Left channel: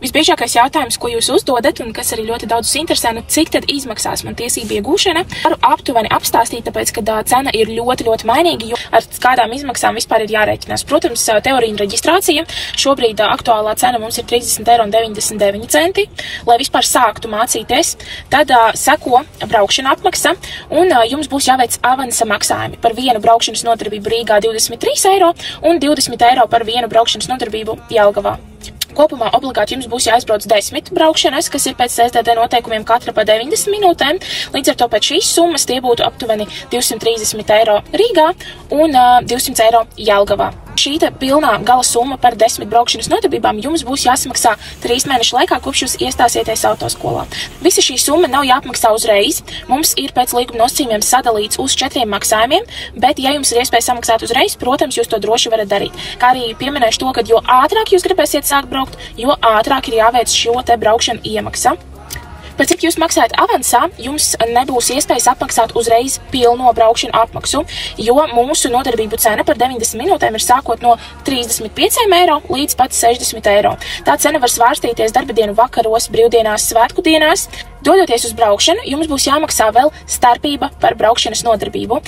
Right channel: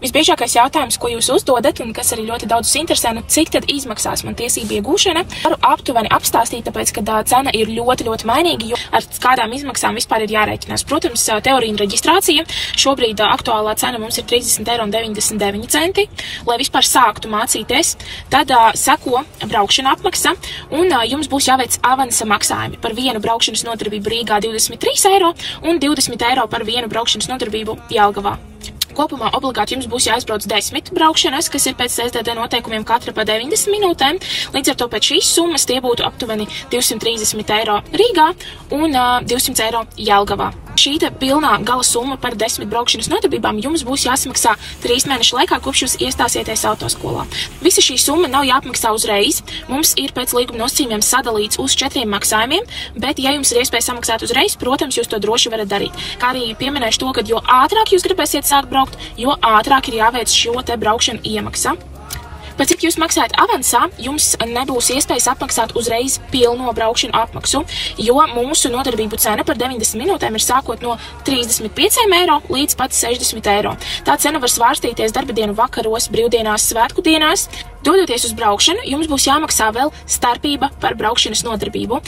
Visbiežākais jautājums, ko jūs uzdodat, un kas arī ļoti daudzus interesē, cik tad izmaksās man tiesību iegūšana, varu aptuveni apstāstīt, tāpēc, ka cena ir ļoti mainīga, jo ar kādām izmaksām vispār ir jārēķinās. Protams, teorija un reģistrācija. Šobrīd aktuālā cena mums ir 30,99 €. Lai vispār sāktu mācīties, tad seko braukšana apmaksa, un jums būs jāveic avansa maksājumi par vienu braukšanas nodarbību Rīgā 23 € un 20 € par vienu braukšanas nodarbību Jelgavā. Kopumā obligāti jums būs jāizbrauc 10 braukšanas, kas ir pēc STD noteikumiem katra pa 90 minūtēm. Līdz ar to pēc šīs summas tie būtu aptuveni 230 € Rīgā un 200 € Jelgavā. Šī pilnā gala summa par 10 braukšanas nodarbībām jums būs jāsamaksā 3 mēnešu laikā, kopš jūs iestāsieties autoskolā. Visa šī summa nav jāapmaksā uzreiz. Mums ir pēc līguma nosacījumiem sadalīts uz 4 maksājumiem, bet, ja jums ir iespēja samaksāt uzreiz, protams, jūs to droši varat darīt. Kā arī pieminēšu to, ka jo ātrāk jūs gribēsiet sākt braukt, jo ātrāk ir jāveic šo te braukšanu iemaksa. Par cik jūs maksājat avansā, jums nebūs iespējas apmaksāt uzreiz pilno braukšanu apmaksu, jo mūsu nodarbību cena par 90 minūtēm ir sākot no 35 € līdz pat 60 €. Tā cena var svārstīties darba dienu vakaros, brīvdienās, svētku dienās. Dodoties uz braukšanu, jums būs jāmaksā vēl starpība par braukšanas nodarbību.